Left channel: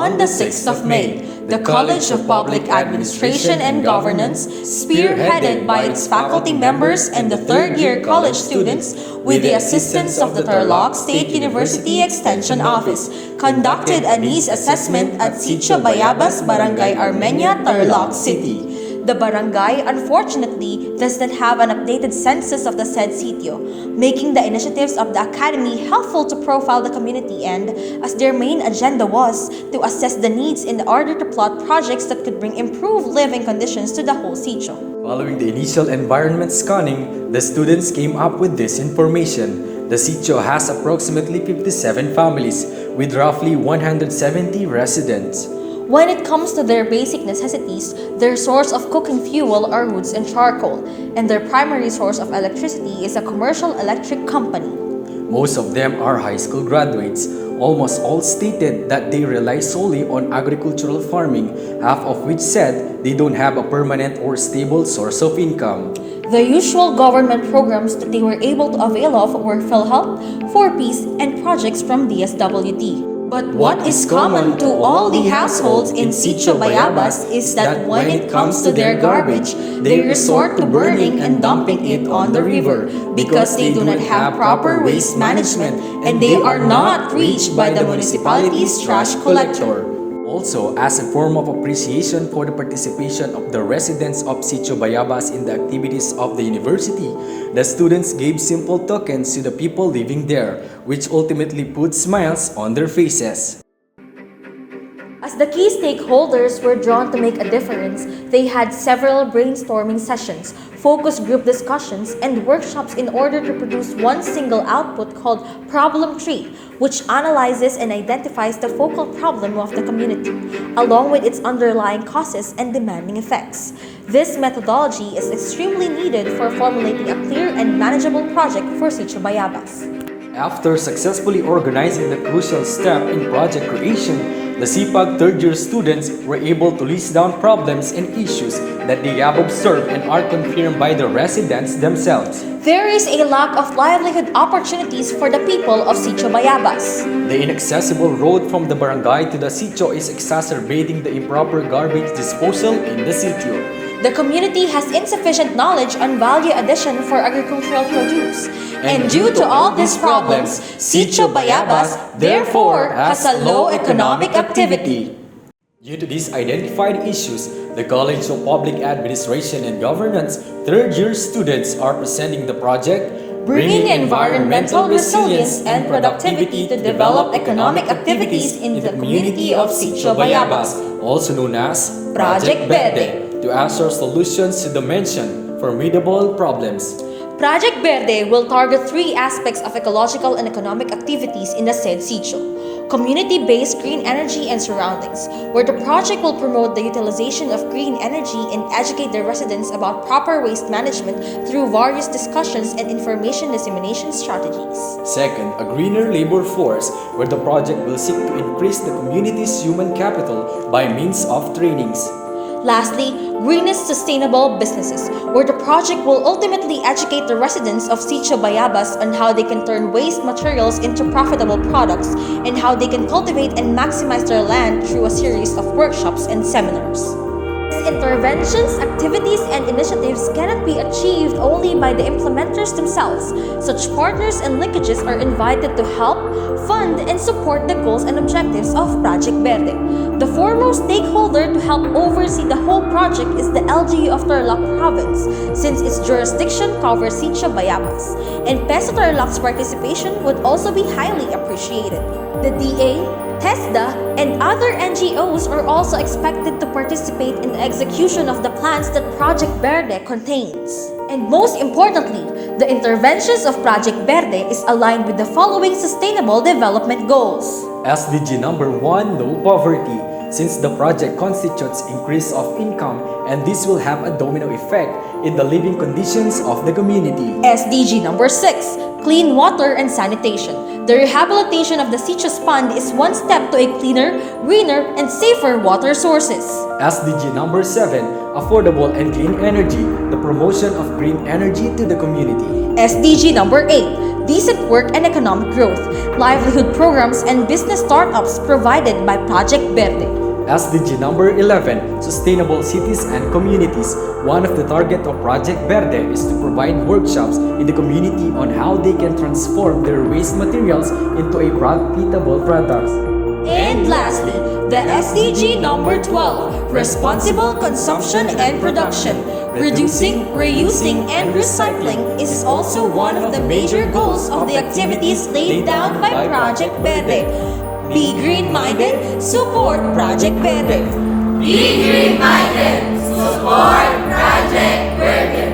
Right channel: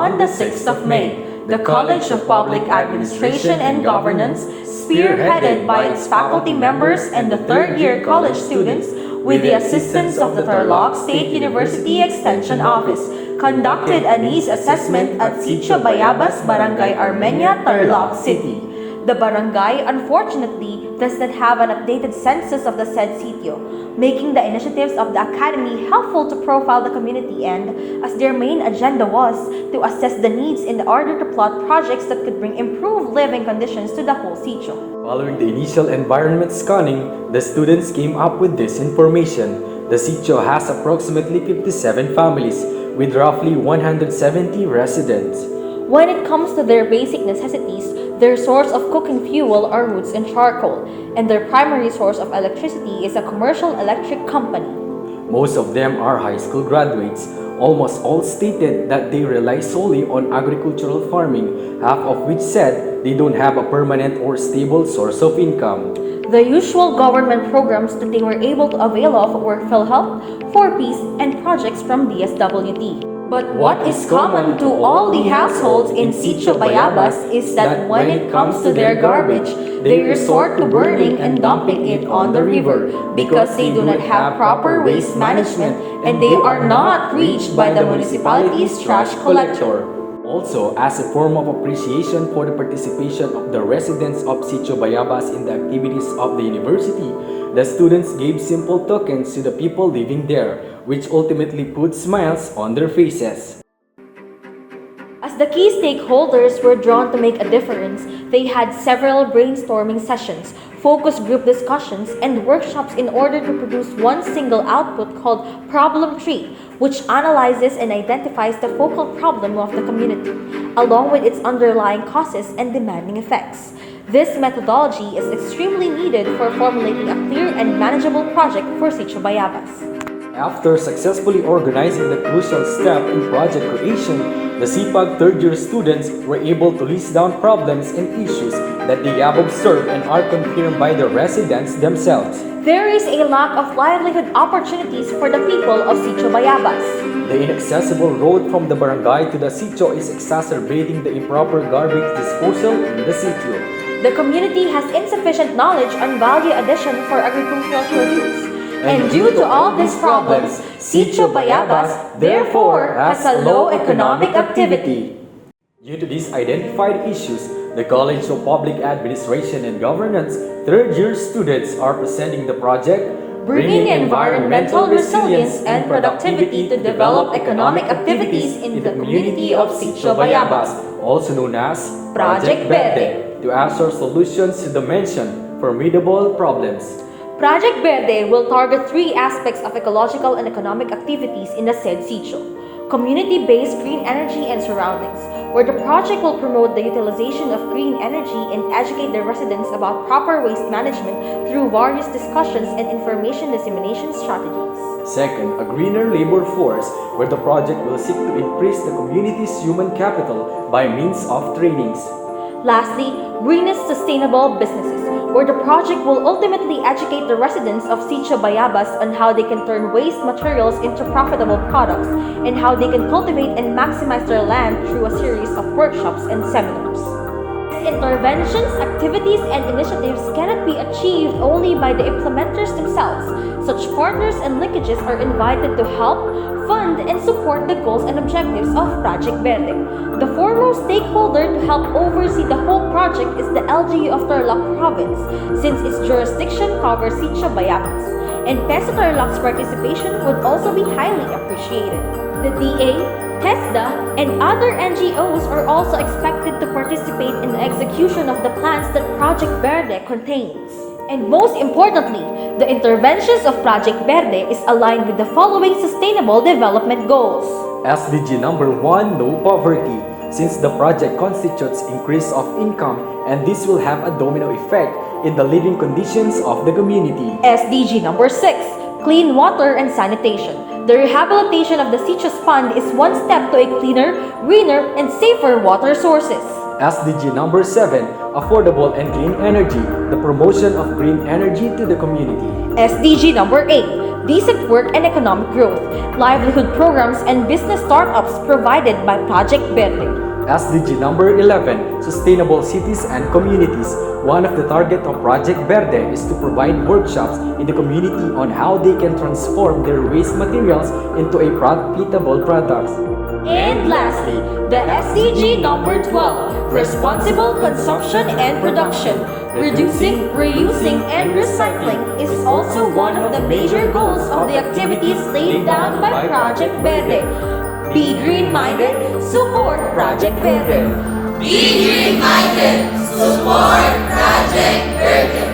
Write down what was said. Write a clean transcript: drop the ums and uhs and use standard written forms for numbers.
On the 6th of May, the College of Public Administration and Governance, spearheaded by its faculty members and the third-year college students, with the assistance of the Tarlac State University Extension Office, conducted a needs assessment at Sitio Bayabas, Barangay Armenia, Tarlac City. The barangay, unfortunately, does not have an updated census of the said sitio, making the initiatives of the Academy helpful to profile the community and, as their main agenda was, to assess the needs in order to plot projects that could bring improved living conditions to the whole sitio. Following the initial environment scanning, the students came up with this information. The sitio has approximately 57 families, with roughly 170 residents. When it comes to their basic necessities, their source of cooking fuel are woods and charcoal, and their primary source of electricity is a commercial electric company. Most of them are high school graduates. Almost all stated that they rely solely on agricultural farming, half of which said they don't have a permanent or stable source of income. The usual government programs that they were able to avail of were PhilHealth, 4Ps, and projects from DSWD. But what is common to all the households in Sitio Bayabas is that when it comes to their garbage, they resort to burning and dumping it on the river because they do not have proper waste management and they are not reached by the municipality's trash collector. Also, as a form of appreciation for the participation of the residents of Sitio Bayabas in the activities of the university, the students gave simple tokens to the people living there, which ultimately put smiles on their faces. As the key stakeholders were drawn to make a difference, they had several brainstorming sessions, focus group discussions, and workshops in order to produce one single output called Problem Tree, which analyzes and identifies the focal problem of the community, along with its underlying causes and demanding effects. This methodology is extremely needed for formulating a clear and manageable project for Sitio Bayabas. After successfully organizing the crucial step in project creation, the CPAG third-year students were able to list down problems and issues that they have observed and are confirmed by the residents themselves. There is a lack of livelihood opportunities for the people of Sitio Bayabas. The inaccessible road from the barangay to the sitio is exacerbating the improper garbage disposal in the sitio. The community has insufficient knowledge on value addition for agricultural produce. And due to all these problems, Sitio Bayabas therefore has a low economic activity. Due to these identified issues, the College of Public Administration and Governance third-year students are presenting the project Bringing environmental resilience and productivity to develop economic activities in the community of Sitio Bayabas, also known as Project BERDE, to assure solutions to the mentioned formidable problems. Project BERDE will target three aspects of ecological and economic activities in the said sitio. Community-based green energy and surroundings, where the project will promote the utilization of green energy and educate the residents about proper waste management through various discussions and information dissemination strategies. Second, a greener labor force, where the project will seek to increase the community's human capital by means of trainings. Lastly, greenest sustainable businesses, where the project will ultimately educate the residents of Sitio Bayabas on how they can turn waste materials into profitable products and how they can cultivate and maximize their land through a series of workshops and seminars. These interventions, activities, and initiatives cannot be achieved only by the implementers themselves. Such partners and linkages are invited to help, fund, and support the goals and objectives of Project BERDE. The foremost stakeholder to help oversee the whole project is the LGU of Tarlac Province, since its jurisdiction covers Sitio Bayabas, and PESO Tarlac's participation would also be highly appreciated. The DA, TESDA, and other NGOs are also expected to participate in the execution of the plans that Project BERDE contains. And most importantly, the interventions of Project BERDE is aligned with the following Sustainable Development Goals. SDG number 1, no poverty, since the project constitutes increase of income and this will have a domino effect in the living conditions of the community. SDG number 6, clean water and sanitation. The rehabilitation of the Sitio's pond is one step to a cleaner, greener, and safer water sources. SDG number 7, affordable and clean energy, the promotion of green energy to the community. SDG number 8, decent work and economic growth, livelihood programs and business startups provided by Project BERDE. SDG number 11, sustainable cities and communities. One of the target of Project BERDE is to provide workshops in the community on how they can transform their waste materials into a profitable products. And lastly, the SDG number 12, responsible consumption and production. Reducing, reusing, and recycling is also one of the major goals of the activities laid down by Project BERDE. Be green-minded, support Project BERDE. Be green-minded, support Project BERDE.